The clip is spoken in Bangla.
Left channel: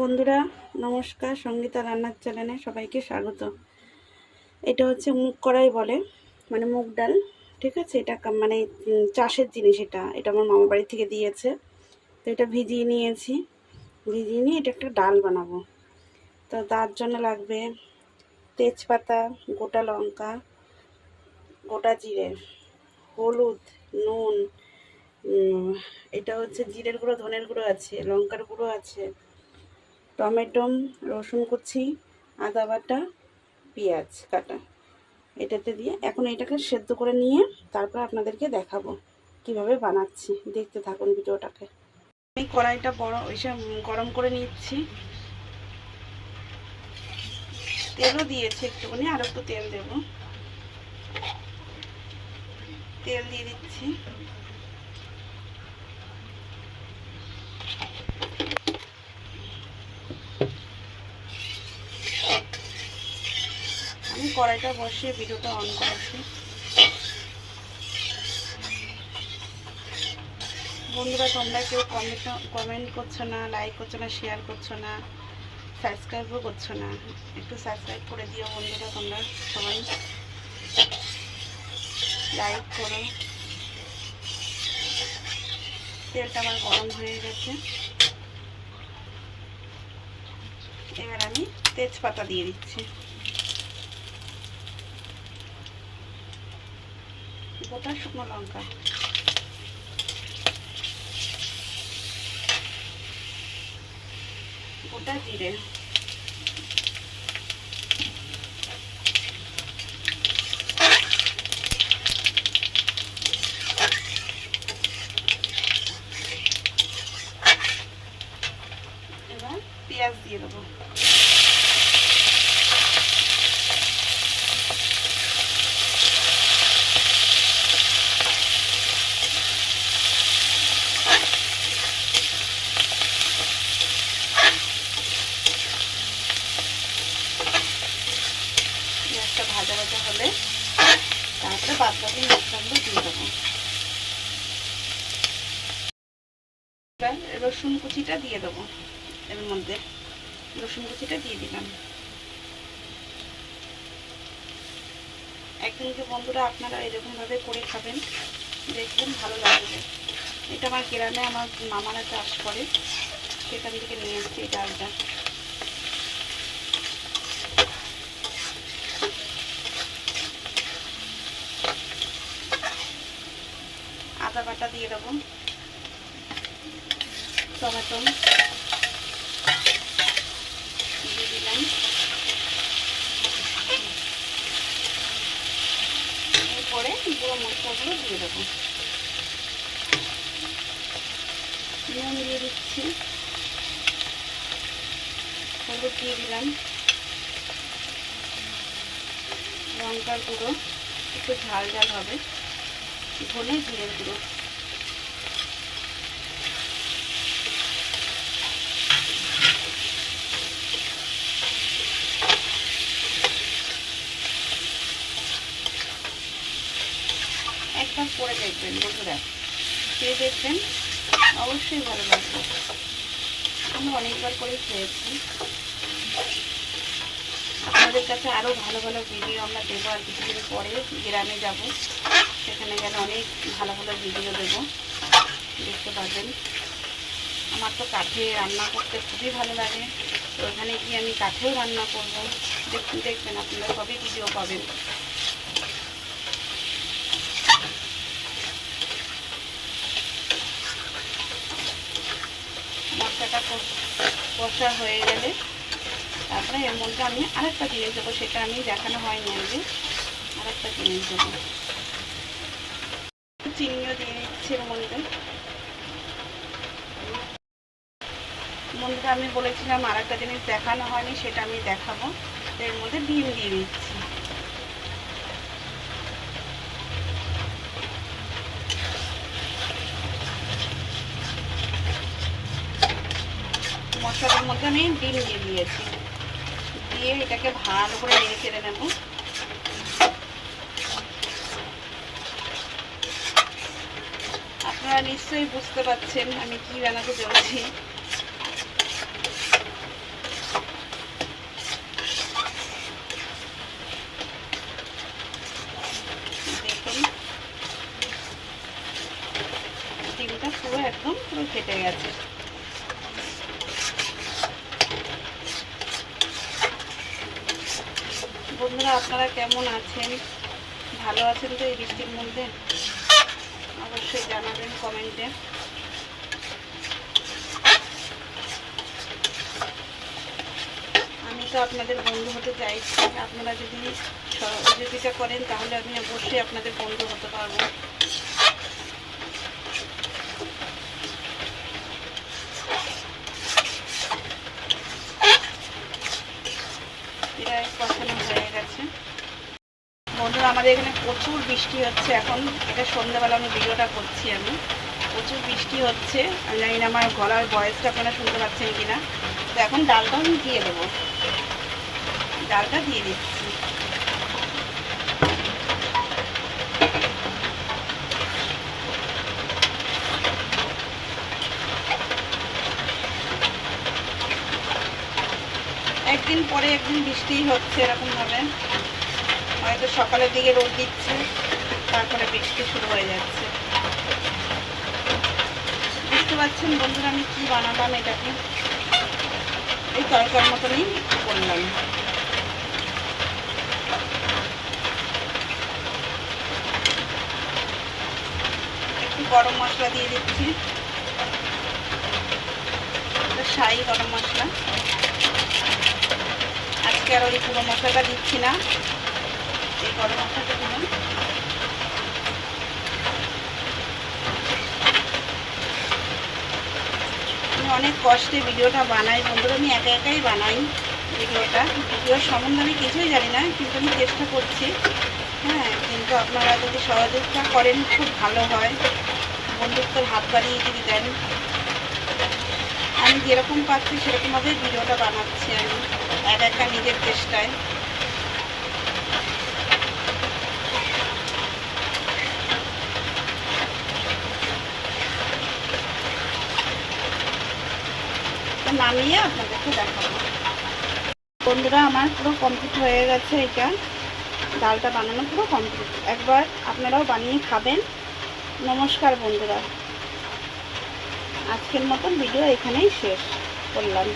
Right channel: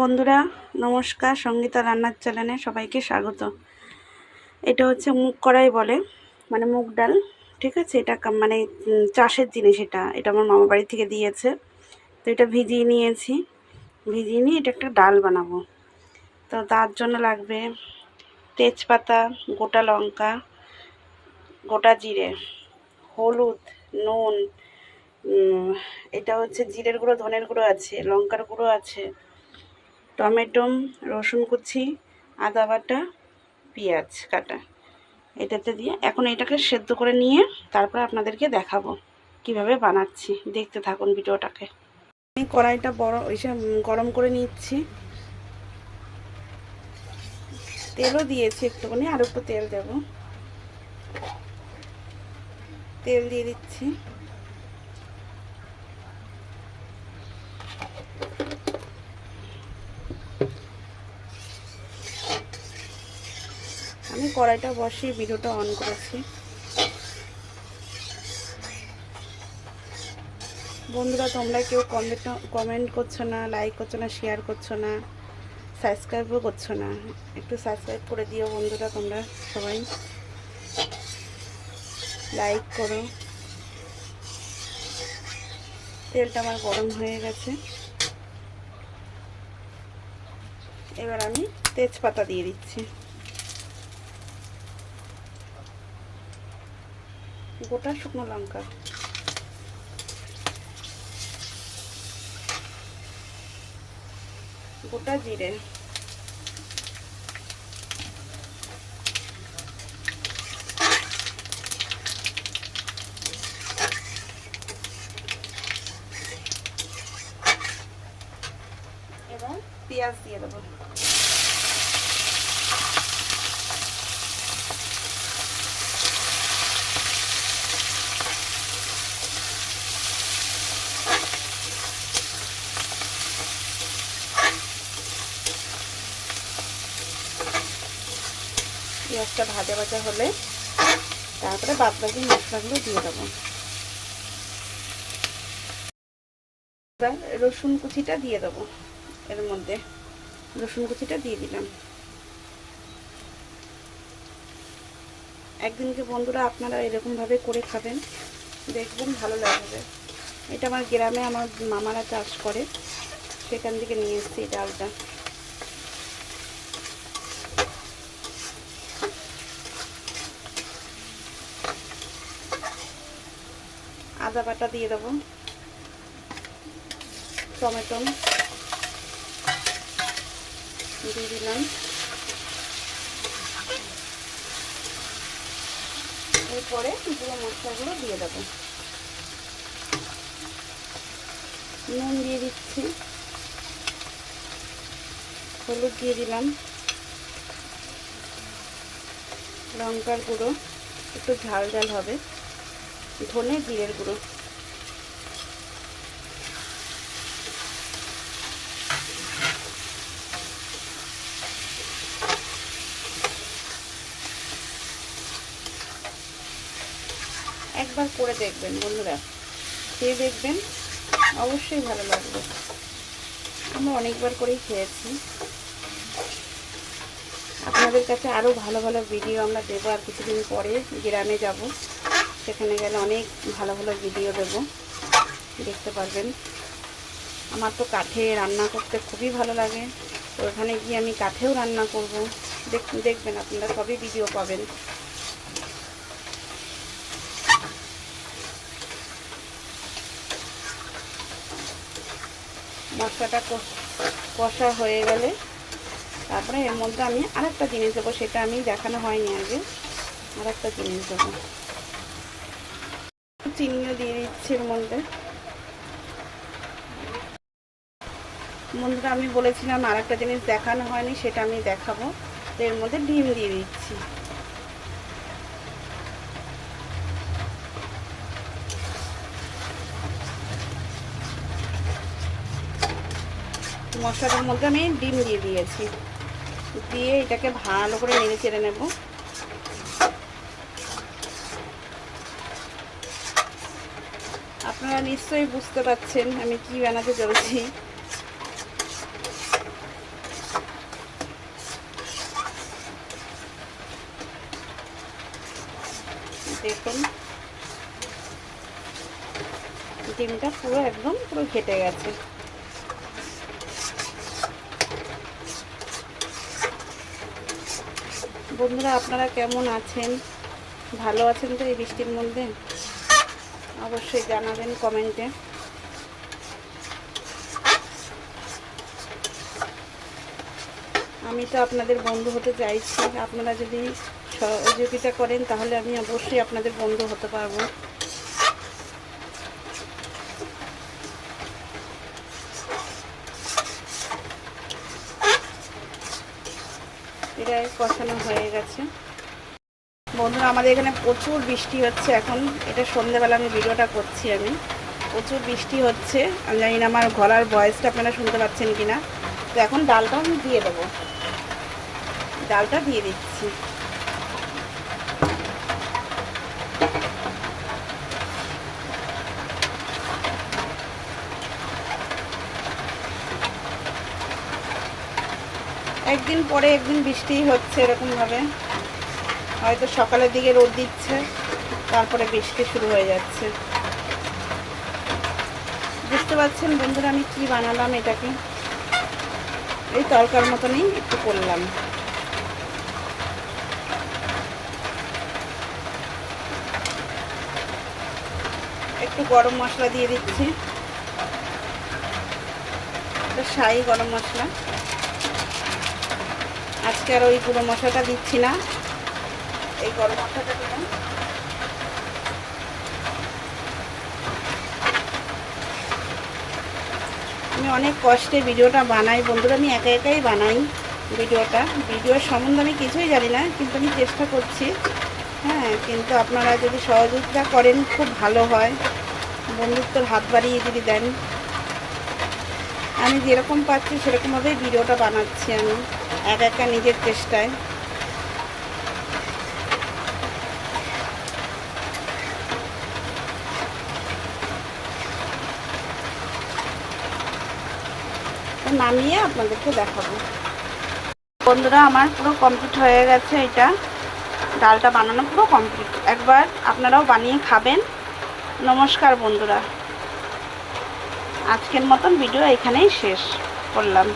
বন্ধুরা নমস্কার, সঙ্গীতা রান্নার চ্যানেলে সবাইকে স্বাগত। এটা হচ্ছে মুগ কড়াই বলে, মানে মুগ ডাল। ঠিক আছে, এটা মানে চাষের জিনিস। এটা আমার মামা বাড়ি থেকে দিয়েছে। তো এটা ভিজিয়ে নিয়েছি। ভিজিয়ে নিয়ে এটা একটা ডাল বানাবো। তো তার জন্য লাগবে তেজপাতা, গোটা লঙ্কা, গোটা জিরে, হলুদ, নুন, এটা হচ্ছে জিরের গুঁড়ো, ধনের গুঁড়ো আছে, লঙ্কার গুঁড়ো আছে, টমেটো, রসুন কুচি, আদা বাটা, পেঁয়াজ কাটা। এটাতে দিয়ে এখন এটাকে সেদ্ধ করে নিয়ে তারপর আপনাদেরকে দেখাবো কিভাবে বানাচ্ছি। দেখতে থাকুন ভিডিওটাকে। আমি কড়াইটা গরম করে নিচ্ছি। তেলও দিয়েছি একটুখানি, আর একটু তেল দেব। তেল দিয়ে দিচ্ছি। আমি কড়াইটা বসিয়ে ভিডিওটা অন করেছি। বন্ধুরা তোমরা কেউ কমেন্ট করছো না, লাইক করছো না, শেয়ার করছো না, সাবস্ক্রাইবও করছো না। একটু সাবস্ক্রাইব করে দিও বন্ধুরা, তোমরা সবাই লাইক করো। তেলটা আমার গরম হয়ে গেছে। এবার আমি তেজপাতা দিয়ে দিচ্ছি, গোটা শুকনো লঙ্কা, গোটা জিরে, এবার পেঁয়াজ দিয়ে দেবো। পেঁয়াজটা ভাজা ভাজা হলে তারপরে বাদবাকি মশলাগুলো দিয়ে দেবো। রসুন কুচিটা দিয়ে দেবো। এর মধ্যে রসুন কুচিটা দিয়ে দিলাম। একদিনকে বন্ধুরা আপনারা এরকমভাবে করে খাবেন, দেখবেন ভালো লাগবে। এটা আমার গ্রামে আমার মামারা চাষ করে, সেখান থেকে নিয়ে এসেছি এই ডালটা। আদা বাটা দিয়ে দেবো, টমেটো দিয়ে দিলাম। এরপরে পুরো মশলাগুলো দিয়ে দেবো। নুন দিয়ে দিচ্ছি, হলুদ দিয়ে দিলাম, লঙ্কার গুঁড়ো, একটু ঝাল ঝাল হবে, ধনে জিরের গুঁড়ো, একবার করে দেখবেন বন্ধুরা, খেয়ে দেখবেন, অবশ্যই ভালো লাগবে। আমি অনেকবার করেই খেয়েছি। আপনাদের কাছে আরও ভালো ভালো ভিডিও আমরা দেবো। আর কিছুদিন পরে গ্রামে যাব, সেখানে গেলে অনেক ভালো ভালো ভিডিও দেবো, দেখতে পাবেন। আমার তো কাঠে রান্না করতে খুবই ভালো লাগে, তো ওখানে গিয়ে আমি কাঠেও রান্না করব, দেখবেন আপনারা সবই ভিডিও পাবেন। মশলাটা কষা হয়ে গেলে তারপরে এর মধ্যে আমি আরেকটা জিনিস দেবো, সেটা আমি দেখানো হয়নি আগে। আরেকটা জিনিস দেবো, চিনিও দিয়ে দিচ্ছি এর মধ্যে। বন্ধুরা আমি বলেছিলাম আরেকটা জিনিস দেখানো হয়নি, সেটা আমি দেখাবো। তো এর মধ্যে ডিম দিয়ে দিচ্ছি। মশলার মধ্যে আমি ডিম দিয়ে দিয়েছি, দিয়ে এটাকে ভালো করে নেড়ে চেড়ে নেব। আপনারা নিশ্চয়ই বুঝতে পারছেন আমি কি বানাতে চলেছি। ডিমটা পুরো একদম পুরো ফেটে গেছে। বন্ধুরা আপনারা কেমন আছেন? ভালো আছেন তো এই বৃষ্টির মধ্যে? অবশ্যই জানাবেন কমেন্টে। আমি তো আপনাদের বন্ধু হতে চাইছি, আপনারা যদি সহযোগিতা করেন তাহলে আমি অবশ্যই আপনাদের বন্ধু হতে পারবো। প্রায় কষানো হয়ে গেছে। বন্ধুরা আমাদের এখানে প্রচুর বৃষ্টি হচ্ছে এখন। এটা সন্ধ্যাবেলা আমি ভিডিওটা করছি, আমি প্রচুর বৃষ্টি হচ্ছে। আমি জানি না আমার গলার ভয়েসটা আপনারা শুনতে পাচ্ছেন কিনা। তো এখন ডালটা আমি দিয়ে দেবো, ডালটা দিয়ে দিচ্ছি। একদিন পরে একদিন বৃষ্টি হচ্ছে এরকমভাবে, হয়তো সকালের দিকে রোদ দিচ্ছে, তারপরে বৃষ্টি শুরু হয়ে যাচ্ছে। বুঝতে পারছেন বন্ধুরা আমি কি বানালাম? এটাকে এই তরকার মতনই একটু করলাম। একটু গরম মশলা দিয়ে দিচ্ছি, শাহি গরম মশলা। আজকে আর ওই গুঁড়ো মশলাটা দিচ্ছি না, এই গরম মশলাটা দিলাম। আমি অনেক কষ্টে ভিডিওটা বানাই বন্ধুরা, আমি একা একাই বানাই ভিডিওর সম্বন্ধে আমি কিছুই জানি না, কিন্তু আমি চেষ্টা করছি। হ্যাঁ, কিন্তু আপনারা যদি সহযোগিতা করেন খুব ভালো হয়, বন্ধুত্বের হাত বাড়িয়ে যদি দেন। আমি যেরকম পাচ্ছি সেরকমভাবেই ভিডিওটা বানাচ্ছি আমি একা একা নিজের চেষ্টায়। নামিয়ে আপনাদেরকে দেখাবো। বন্ধুরা আমার পুরো কমপ্লিট হয়ে গেছে, এটা ডালটা বানানো পুরো কমপ্লিট। একবার আপনারাও বানিয়ে খাবেন। নমস্কার বন্ধুরা, আজকের মতন ভিডিও এখানেই শেষ করলাম।